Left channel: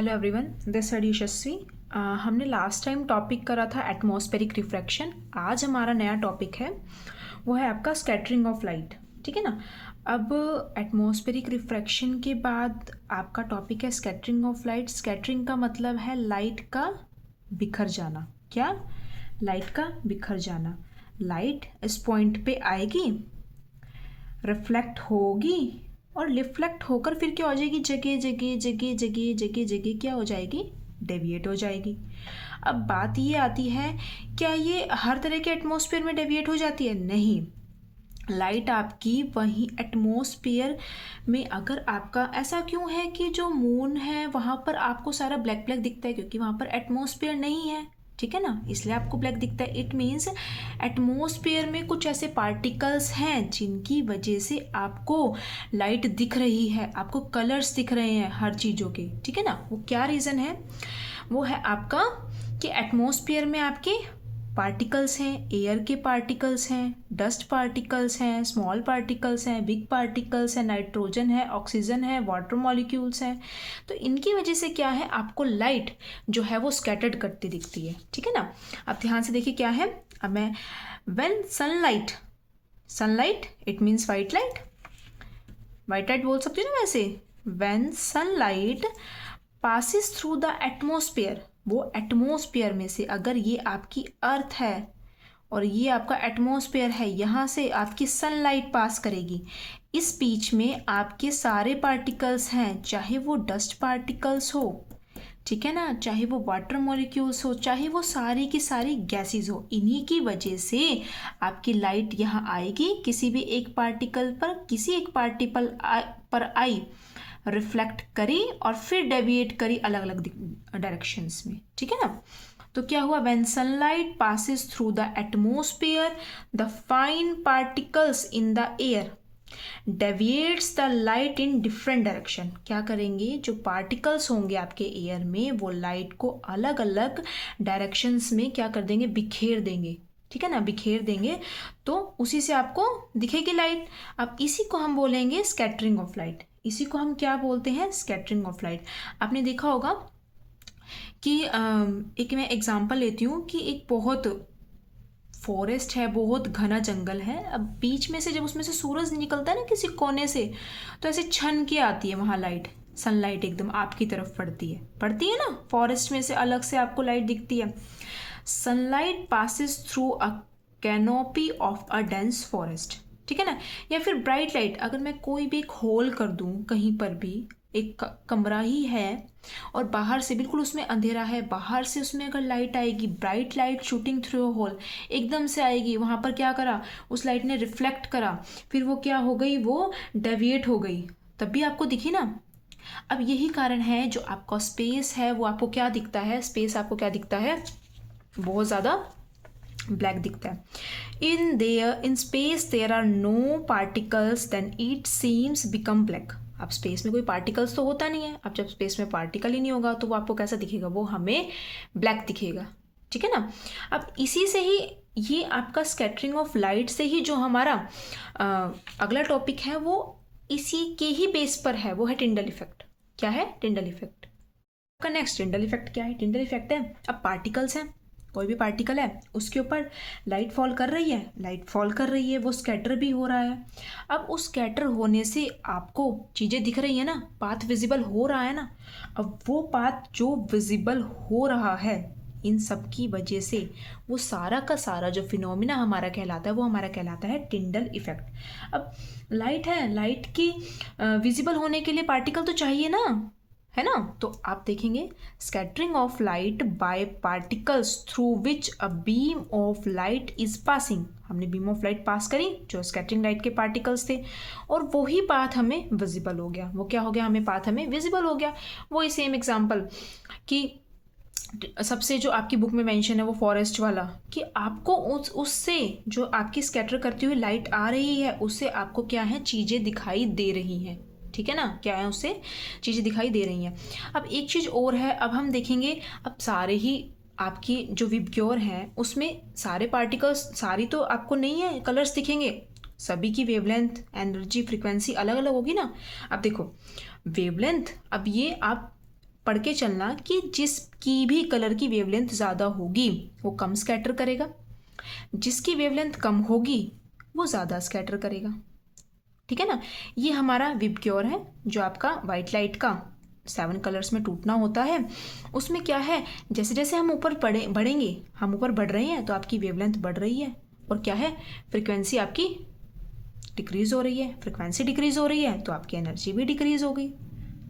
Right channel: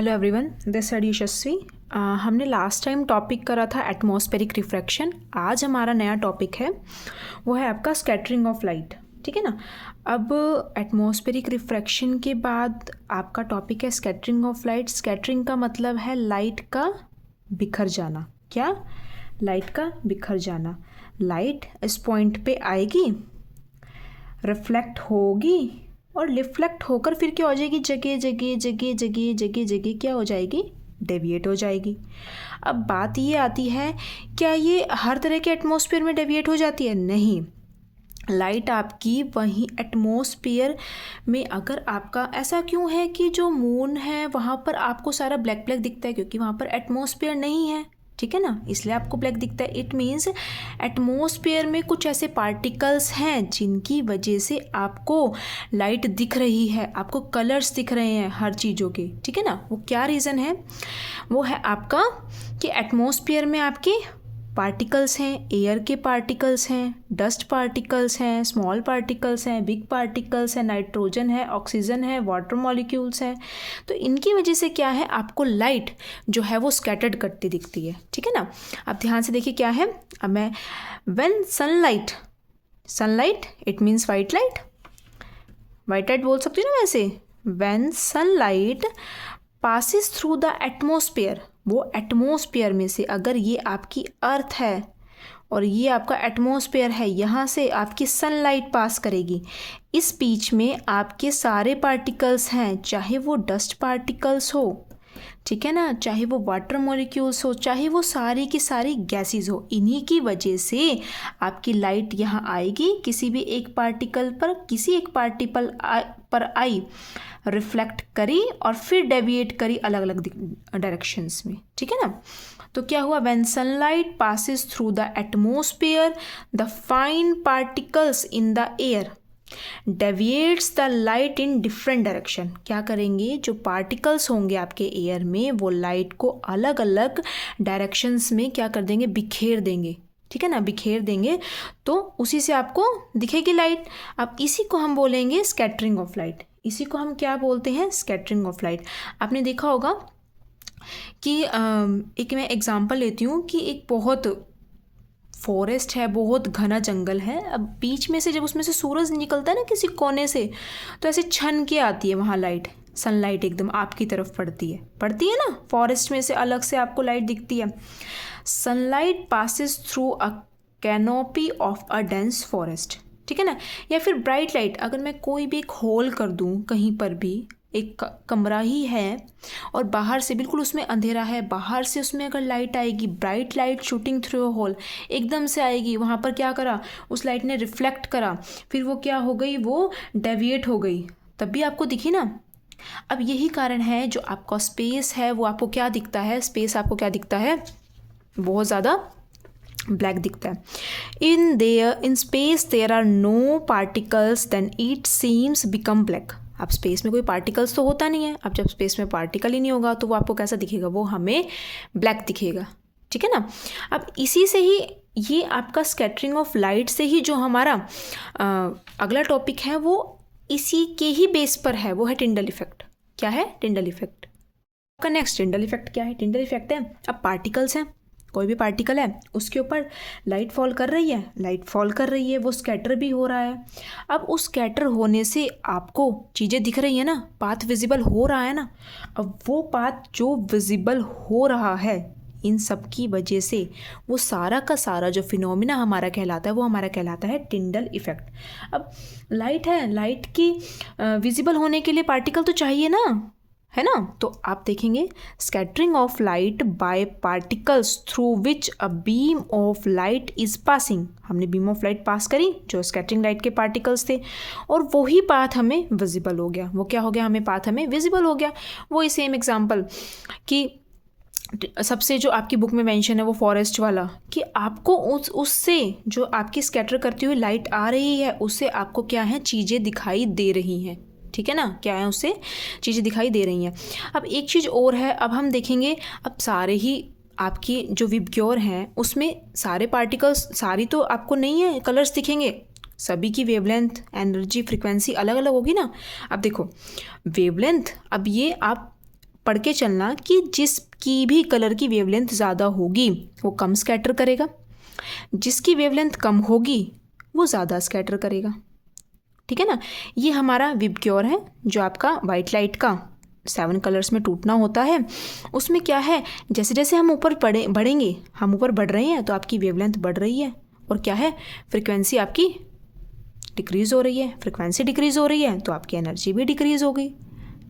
Hello everyone, this side यशस्वी। हमने last time topic करा था एटमॉस्फेरिक रिफ्रैक्शन। आज हमारा नया टॉपिक है, वो है आपका स्कैटरिंग ऑफ लाइट। ठीक है ना। अब एटमॉस्फेरिक रिफ्रैक्शन के बाद आपका टॉपिक है स्कैटरिंग ऑफ लाइट। स्कैटरिंग का मतलब है लाइट का बिखर जाना। क्या? लाइट का बिखर जाना। लाइट इस पॉइंट पे आएगी, रिफ्लेक्ट होगी और रिफ्लेक्ट होकर फिर क्या हो जाएगी, जगह जगह जगह जगह जगह जगह क्या हो जाएगी, डेविएट हो जाएगी। अब बात ये आती है, क्या ये हर तरह के एटमॉस्फेयर में डेविएट हो जाती है? नहीं। लाइट आपकी वहीं एटमॉस्फेयर में, अगर आपका ऐसा क्यों है कि जो मून है वहाँ पर आपको सारा ब्लैक ब्लैक दिखता है, क्योंकि वहाँ पर एटमॉस्फेयर नहीं है। ठीक है ना, इसलिए आपको ब्लैक दिखता है। इट मीन्स एटमॉस्फेयर में कुछ ऐसे पार्टिकल्स हैं जिनकी वजह से आपको लाइट दिख रही है, आपको कलर्स दिख रहे हैं हर चीज़ों के। ठीक है ना। वो क्या रीज़न है? वो है आपका कि एटमॉस्फेयर में आपके पार्टिकल्स हैं, एयर के पार्टिकल्स हैं, डस्ट पार्टिकल्स हैं, स्मॉल पार्टिकल्स हैं, बिग पार्टिकल्स हैं, नाइट्रोजन है, ऑक्सीजन है, वाटर मॉलिक्यूल्स हैं। तो इनकी वजह से क्या है, आपको लाइट जो है वो स्कैटर्ड करती दिखती है। ठीक है ना। अब ध्यान से देखिए क्या है। अब मैं when sunlight it means white light, white light बोल सकती हूँ ना वैसे। When sunlight passes through the atmosphere, वो एटमॉस्फेयर में से, अगर ये आपकी अर्थ है और ये आपका एटमॉस्फेयर है, यहाँ से आपकी सनलाइट पास करेगी। इस बीच में आपके सारे पार्टिकल्स हैं, चाहे वो डस्ट पार्टिकल्स हो, ठीक है ना, चाहे वो वाटर मॉलिक्यूल्स हो, चाहे वो सारी की सारी गैसेस हो, इन्हीं की वजह से आपकी लाइट यहाँ आएगी। किसी भी एक पार्टिकल पर, किसी एक पार्टिकल पर आई, रिफ्लेक्ट करी और फिर डेविएट करी अलग अलग डायरेक्शंस में। ठीक है ना। तो क्या हुआ, when sunlight passes through the atmosphere the fine particles in the air deviates the light in different direction. क्या करेंगे, जो पार्टिकल्स होंगे आपके एयर में, वो लाइट को अलग अलग डायरेक्शंस में क्या कर देंगे, बिखेर देंगे। ठीक है ना, बिखेर देंगे, तो उसी से आपको दिखेगी लाइट। अब इसी को हम बोलेंगे स्कैटरिंग ऑफ लाइट। इसी को हम क्या बोलते हैं, स्कैटरिंग ऑफ लाइट। आपने देखा होगा कि एक मैं एग्जांपल लेती हूँ कि एक बहुत फॉरेस्ट है, बहुत घना जंगल है। अब बीच में से जब उसमें से सूरज निकलता है ना किसी कोने से, तो ऐसे छन के आती है वहाँ लाइट, सनलाइट एकदम आपकी तरफ पड़ती है ना। फॉरेस्ट में से अलग से आपको लाइट दिखती है। Sunlight passes through a canopy of a dense forest. ठीक है ना। या फिर ब्राइट लाइट, अगर मैं कोई भी एक होल कर दूँ कहीं पर भी, एक कमरा ही है और बाहर से बिल्कुल उसमें अंधेरा है, बाहर से उसमें अगर लाइट आएगी, bright light shooting through a hole, एकदम से आएगी, वहाँ पर क्या करा, उस लाइट ने रिफ्लेक्ट करा, फिर वो क्या हो गई, वो डेविएट हो गई, तब भी आपको दिखी ना। अब यही कारण है, जो आपका स्पेस है वो आपको क्या दिखता है, स्पेस आपको क्या दिखता है, बहुत ज़्यादा ब्लैक दिखता है। In space there are no particles then it seems become black. अब स्पेस में कोई पार्टिकल्स तो होता नहीं है। अब जब स्पेस में पार्टिकल ही नहीं होगा तो वो आपको कैसा दिखेगा, वो हमें ब्लैक दिखेगा। ठीक है ना। अब इसी से ही, ये आपका स्कैटरिंग ऑफ लाइट से ही जो हमारा अगला टॉपिक है, वो इसी के ही बेस पर है, वो है टिंडल इफेक्ट। क्या है, टिंडल इफेक्ट। आपका नेक्स्ट टिंडल इफेक्ट क्या है? टिंडल इफेक्ट है, अब पार्टिकल्स हैं, कोई भी पार्टिकल है, उसके ऊपर लाइट फॉल कर रही है, वो स्कैटर भी हो रहा है। अब उस स्कैटर होने से आपको चीज़ें दिख रही है ना, पाथ विजिबल हो रहा है ना। अब वो पाथ जो विजिबल हो रहा है, इन सब की वजह से वो सारा का सारा जो फिनोमिना हमारा कहलाता है, वो हमारा कहलाता है टिंडल इफेक्ट। अब लाइट है, लाइट की विजिबल होने के लिए पार्टिकल तो चाहिए ना, है ना। तो आप देखेंगे, scattering of light by particles through which a beam of light is passing. हमने बीम ऑफ लाइट पास करी, जो स्कैटरिंग लाइट के पार्टिकल्स थे, और वही पाथ हमें विजिबल हो गया। वो क्या हो गया, हमें पाथ हमें विजिबल हो गया। वही सेम एग्जांपल कि सबसे जो आपकी बुक में मेंशन है वो फॉरेस्ट वाला, कि आपको उससे जो आपकी स्कैटर करती हुई लाइट आ रही है, उससे आपको क्या है, चीज़ें दिखाई दे रही हैं। ठीक है ना, क्या है, उससे चीज़ें दिखाई दे रही हैं। अब एक चीज़ और है, अब हम देखेंगे, अब सारे ही आपकी जो विबग्योर हैं उसमें सारे पार्टिकल्स, सारी तो आपको नहीं है कलर्स दिखेंगे, सभी की वेवलेंथ, एनर्जी, फ्रीक्वेंसी अलग अलग होगी ना। अब देखो वेवलेंथ, अब ये आप पढ़ के चलना कि जिसकी भी कलर की वेवलेंथ ज़्यादा होगी वो कम स्कैटर करेगा, जिसकी वेवलेंथ कम होगी वो ज़्यादा स्कैटर करेगा। ठीक है ना। ये हमारा विबग्योर है जो आपका वाइट लाइट का 7 कलर्स में टूटना होता है। उसमें क्या है, जैसे जैसे हम ऊपर बढ़ेंगे, हम ऊपर बढ़ रहे हैं तो आपकी वेवलेंथ बढ़ रही है, और क्या है, फ्रिक्वेंसी आपकी डिक्रीज़ हो रही है। फ्रिक्वेंसी डिक्रीज़ हो रही है तो आपकी एनर्जी भी डिक्रीज़ हो गई।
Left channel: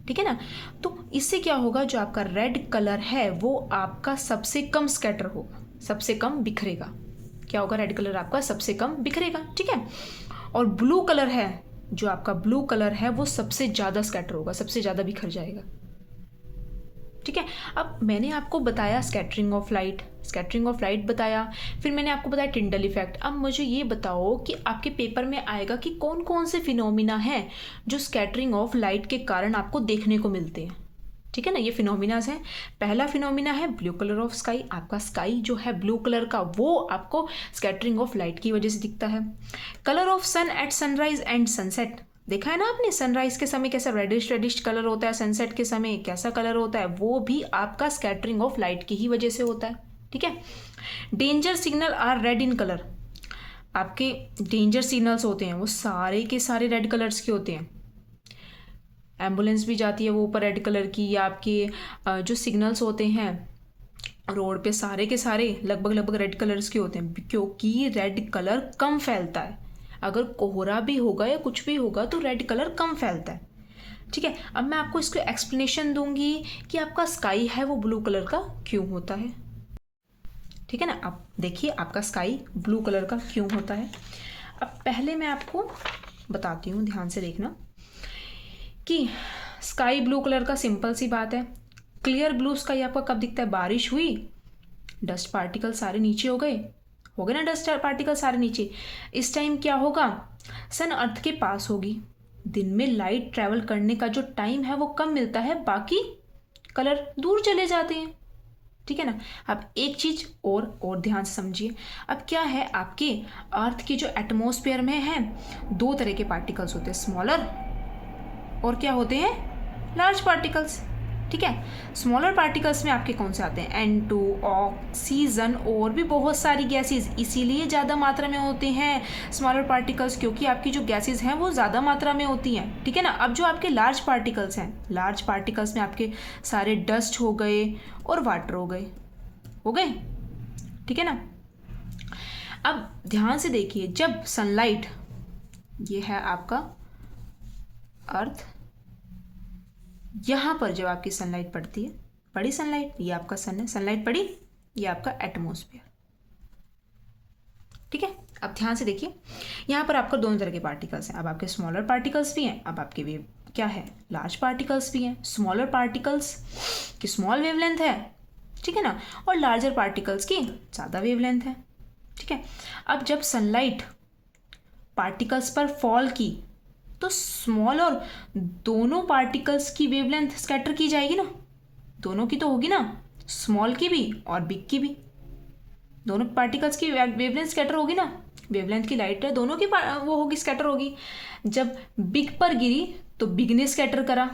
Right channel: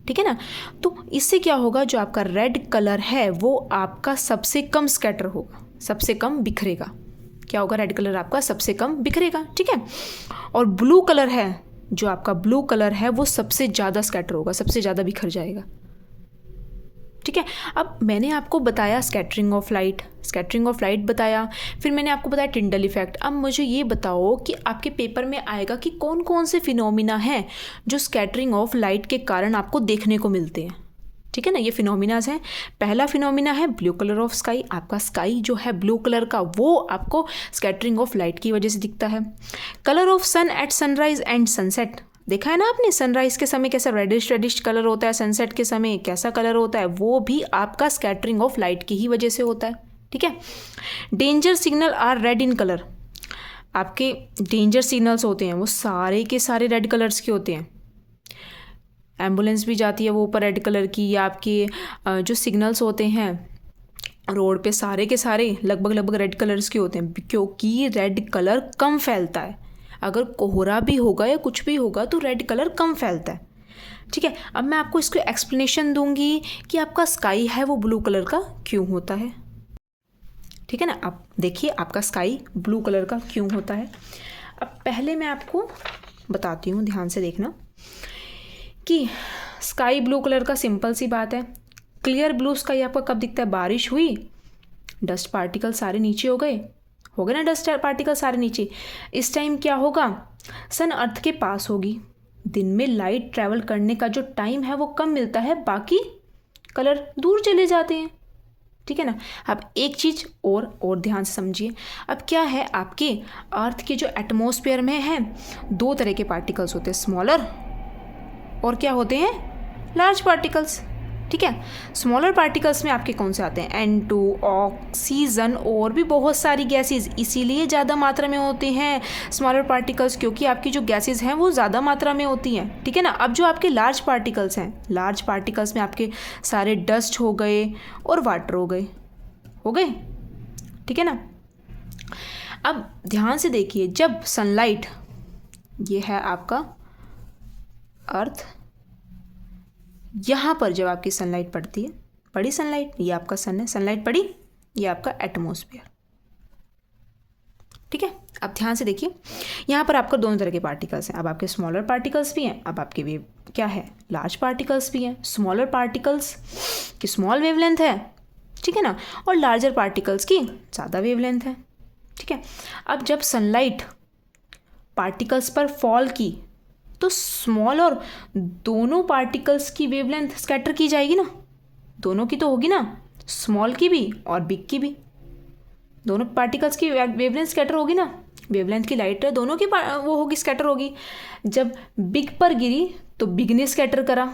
ठीक है ना। तो इससे क्या होगा, जो आपका रेड कलर है वो आपका सबसे कम स्कैटर होगा, सबसे कम बिखरेगा। क्या होगा, रेड कलर आपका सबसे कम बिखरेगा। ठीक है। और ब्लू कलर है, जो आपका ब्लू कलर है वो सबसे ज़्यादा स्कैटर होगा, सबसे ज़्यादा बिखर जाएगा। ठीक है। अब मैंने आपको बताया स्कैटरिंग ऑफ लाइट बताया, फिर मैंने आपको बताया टिंडल इफेक्ट। अब मुझे ये बताओ कि आपके पेपर में आएगा कि कौन कौन से फिनोमिना हैं जो स्कैटरिंग ऑफ लाइट के कारण आपको देखने को मिलते हैं। ठीक है ना। ये फिनोमिनाज हैं। पहला फिनोमिना है ब्लू कलर ऑफ स्काई। आपका स्काई जो है ब्लू कलर का, वो आपको स्कैटरिंग ऑफ लाइट की वजह से दिखता है। Colour of sun at sunrise and sunset, देखा है ना आपने, सनराइज के समय कैसा रेडिश कलर होता है, सनसेट के समय कैसा कलर होता है, वो भी आपका स्कैटरिंग ऑफ लाइट की ही वजह से होता है। ठीक है। Danger signal are red in colour, आपके डेंजर सिग्नल्स होते हैं वो सारे के सारे रेड कलर्स के होते हैं। एम्बुलेंस भी जाती है वो ऊपर रेड कलर की, या आपके जो सिग्नल्स होते हैं रोड पे सारे के सारे लगभग रेड कलर्स के होते हैं, क्योंकि रेड कलर कम फैलता है। अगर कोहरा भी होगा या कुछ भी होगा तो रेड कलर कम फैलता है। ठीक है। अब मैं आपको इसको एक्सप्लेनेशन दूंगी कि आपका स्काई है वो ब्लू कलर का क्यों होता है। ठीक है ना। आप देखिए आपका स्काई ब्लू कलर का क्यों होता है। अब पहले मैं आपको बताती हूँ, ध्यान से देखना कि स्काई ब्लू कलर का सिंपल सी बात है। क्लियर ब्लू स्काई आपका कब दिखता है, बारिश हुई, डस्ट पार्टिकल सारे नीचे हो गए ना, डस्ट पार्टिकल सारे नीचे। इस टाइम क्या होगा, सन अर्थ के पास होगी, दिन में लाइट ट्रैवल करने का जो टाइम है वो कम मिलता है, बाकी कलर दूर चले जाते हैं। ठीक है ना। अब एक चीज और ध्यान से समझिए। अब क्या है, आपके अर्थ के जो एटमॉस्फेयर में है 2 तरह के पार्टिकल्स होते हैं, स्मॉलर और क्या होते हैं, लार्ज पार्टिकल्स। ठीक है। स्मॉलर पार्टिकल्स में आपके कौन से आते हैं, N2, ऑक्सीजन और भी बहुत सारी गैसेस, इसीलिए ज़्यादा मात्रा में होते हैं स्मॉलर पार्टिकल्स, क्योंकि आपकी जो गैसेस हैं वो ज़्यादा मात्रा में होती हैं। ठीक है ना। अब जो आपके लार्ज पार्टिकल्स हैं, लार्ज पार्टिकल्स में आपके सारे डस्ट हो गए और वाटर हो गए। ठीक है ना। अब ध्यान से देखिए, जब सनलाइट, ये है आपका अर्थ, यहाँ पर जब आपकी सनलाइट पड़ती है, पड़ी सनलाइट, ये आपका सन है, सनलाइट पड़ी, ये आपका एटमॉस्फेयर। ठीक है। अब ध्यान से देखिए, यहाँ पर आपका दोनों तरह के पार्टिकल्स हैं। अब आपके स्मॉलर पार्टिकल्स भी हैं, अब आपके वेव क्या है, लार्ज पार्टिकल्स भी हैं। स्मॉलर पार्टिकल्स की स्मॉल वेवलेंथ है, ठीक है ना, और लार्जर पार्टिकल्स की ज़्यादा वेवलेंथ है। ठीक है। अब जब सनलाइट पार्टिकल्स पर फॉल की तो स्मॉल और दोनों पार्टिकल्स की वेवलेंथ स्कैटर की जाएगी ना, दोनों की तो होगी ना, स्मॉल की भी और बिग की भी, दोनों पार्टिकल्स की वेवलेंथ स्कैटर होगी ना, वेवलेंथ की लाइट है दोनों की वो होगी, स्कैटर होगी। जब बिग पर गिरी तो बिग ने स्कैटर करा।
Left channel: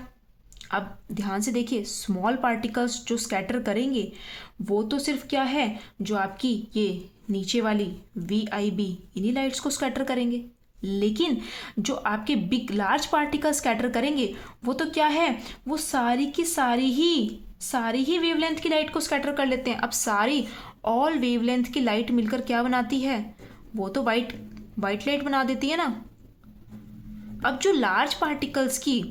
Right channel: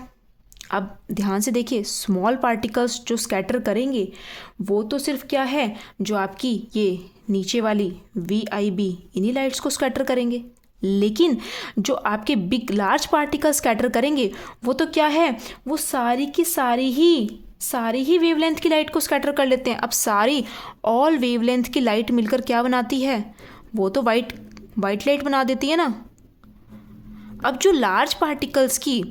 अब ध्यान से देखिए, स्मॉल पार्टिकल्स जो स्कैटर करेंगे वो तो सिर्फ क्या है, जो आपकी ये नीचे वाली VIB इन्हीं लाइट्स को स्कैटर करेंगे, लेकिन जो आपके बिग लार्ज पार्टिकल स्कैटर करेंगे वो तो क्या है, वो सारी की सारी ही वेवलेंथ की लाइट को स्कैटर कर लेते हैं। अब सारी ऑल वेवलेंथ की लाइट मिलकर क्या बनाती है, वो तो वाइट लाइट बना देती है ना। अब जो लार्ज पार्टिकल्स की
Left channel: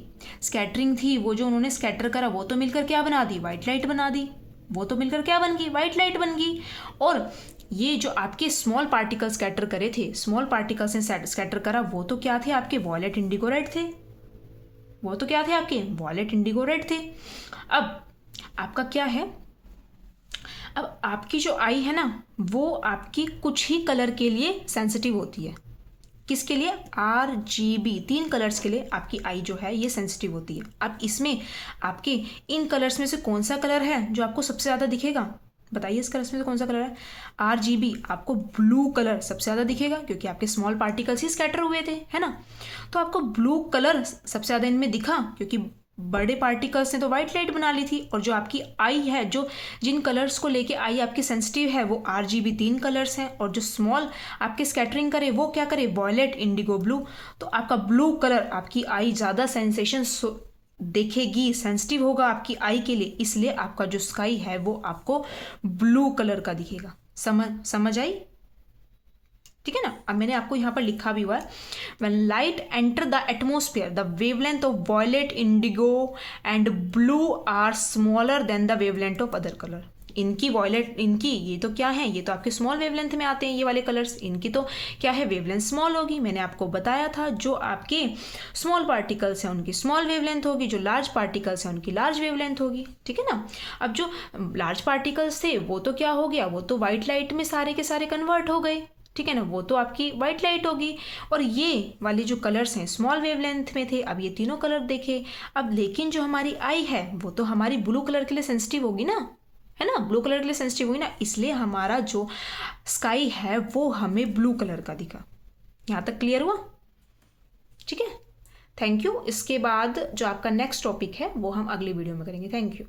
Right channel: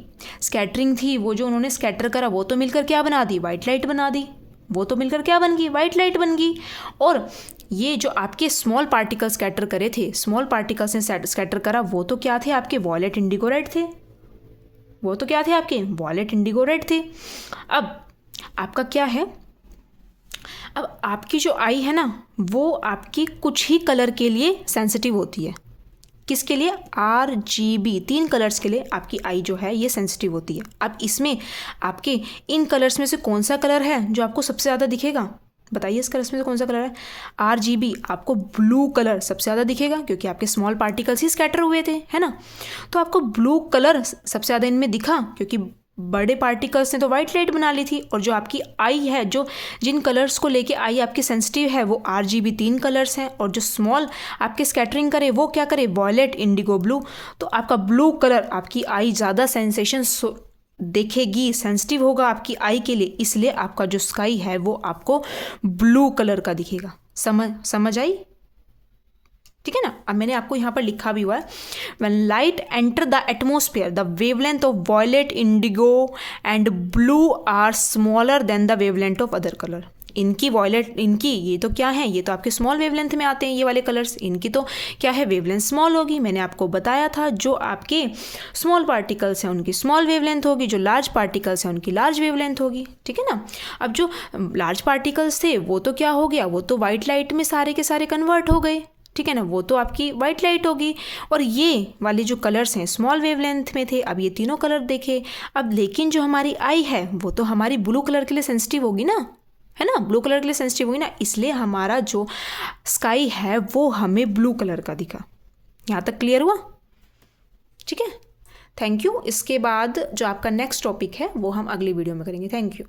स्कैटरिंग थी, वो जो उन्होंने स्कैटर करा, वो तो मिलकर क्या बना दी, वाइट लाइट बना दी, वो तो मिलकर क्या बन गई, वाइट लाइट बन गई। और ये जो आपके स्मॉल पार्टिकल स्कैटर करे थे, स्मॉल पार्टिकल्स ने स्कैटर करा, वो तो क्या थे, आपके वॉयलेट इंडिगो रेड थे, वो तो क्या थे, आपके वॉयलेट इंडिगो रेड थे। अब आपका क्या है, अब आपकी जो आई है ना, वो आपकी कुछ ही कलर के लिए सेंसिटिव होती है। किसके लिए, RGB 3 कलर्स के लिए आपकी आई जो है ये सेंसिटिव होती है। अब इसमें आपके इन कलर्स में से कौन सा कलर है जो आपको सबसे ज़्यादा दिखेगा, बताइए इस कलर्स में से कौन सा कलर है। RGB आपको ब्लू कलर सबसे ज़्यादा दिखेगा, क्योंकि आपके स्मॉल पार्टिकल्स ही स्कैटर हुए थे, है ना। तो आपको ब्लू कलर सबसे ज़्यादा इनमें दिखा, क्योंकि बड़े पार्टिकल्स ने तो वाइट लाइट बना ली थी, और जो आपकी आई है, जो जिन कलर्स को लेके आई आपकी सेंसिटिव है, वो RGB 3 कलर्स हैं, और जो स्मॉल आपके स्कैटरिंग करे वो क्या करे, वॉयलेट, इंडिगो, ब्लू। तो आपका ब्लू कलर आपकी आई ज़्यादा सेंसेशन देखेगी, सेंसिटिव होगा आपकी आई के लिए, इसलिए आपका जो स्काई है वो आपको ब्लू कलर का दिखेगा। समझ आई? ठीक है ना। अब मैंने आपको यहाँ पर लिखा भी हुआ है, when light enter the atmosphere the wavelength of violet, indigo and blue are smaller than the wavelength of other colour. इनकी वॉयलेट, इनकी ये तो क्या है, ये तो आपके स्मॉल वेवलेंथ में आते हैं ये वाले कलर्स, इनकी तो क्या है, वेवलेंथ स्मॉल होगी। मैंने आपको बताया था जो आपके स्मॉल पार्टिकल्स हैं उनकी स्मॉल वेवलेंथ होगी, जो लार्ज पार्टिकल्स हैं उनकी लार्ज वेवलेंथ होगी। ठीक है ना। अब जो लार्ज पार्टिकल्स थे वो तो क्या हो गया, वो तो वाइट लाइट में सारे के सारे कन्वर्ट हो गए। ठीक है ना, वो तो आपकी वाइट लाइट होगी। और ये वाले जो कलर्स हैं स्मॉल वेवलेंथ में थे, अब ये तीनों कलर देखे। अब लेकिन जो हमारी आई है वो तो हमारी ब्लू कलर के लिए सेंसिटिव होगी ना, है ना, ब्लू कलर के लिए सेंसिटिव होगी ना, इसलिए हमारा जो स्काई है वो हमें ब्लू कलर का दिखा। यहाँ तक क्लियर हुआ? ठीक है, थैंक यू। इसके बाद जो आपका नेक्स्ट टॉपिक है वो हम अगली वीडियो में करेंगे। Thank you.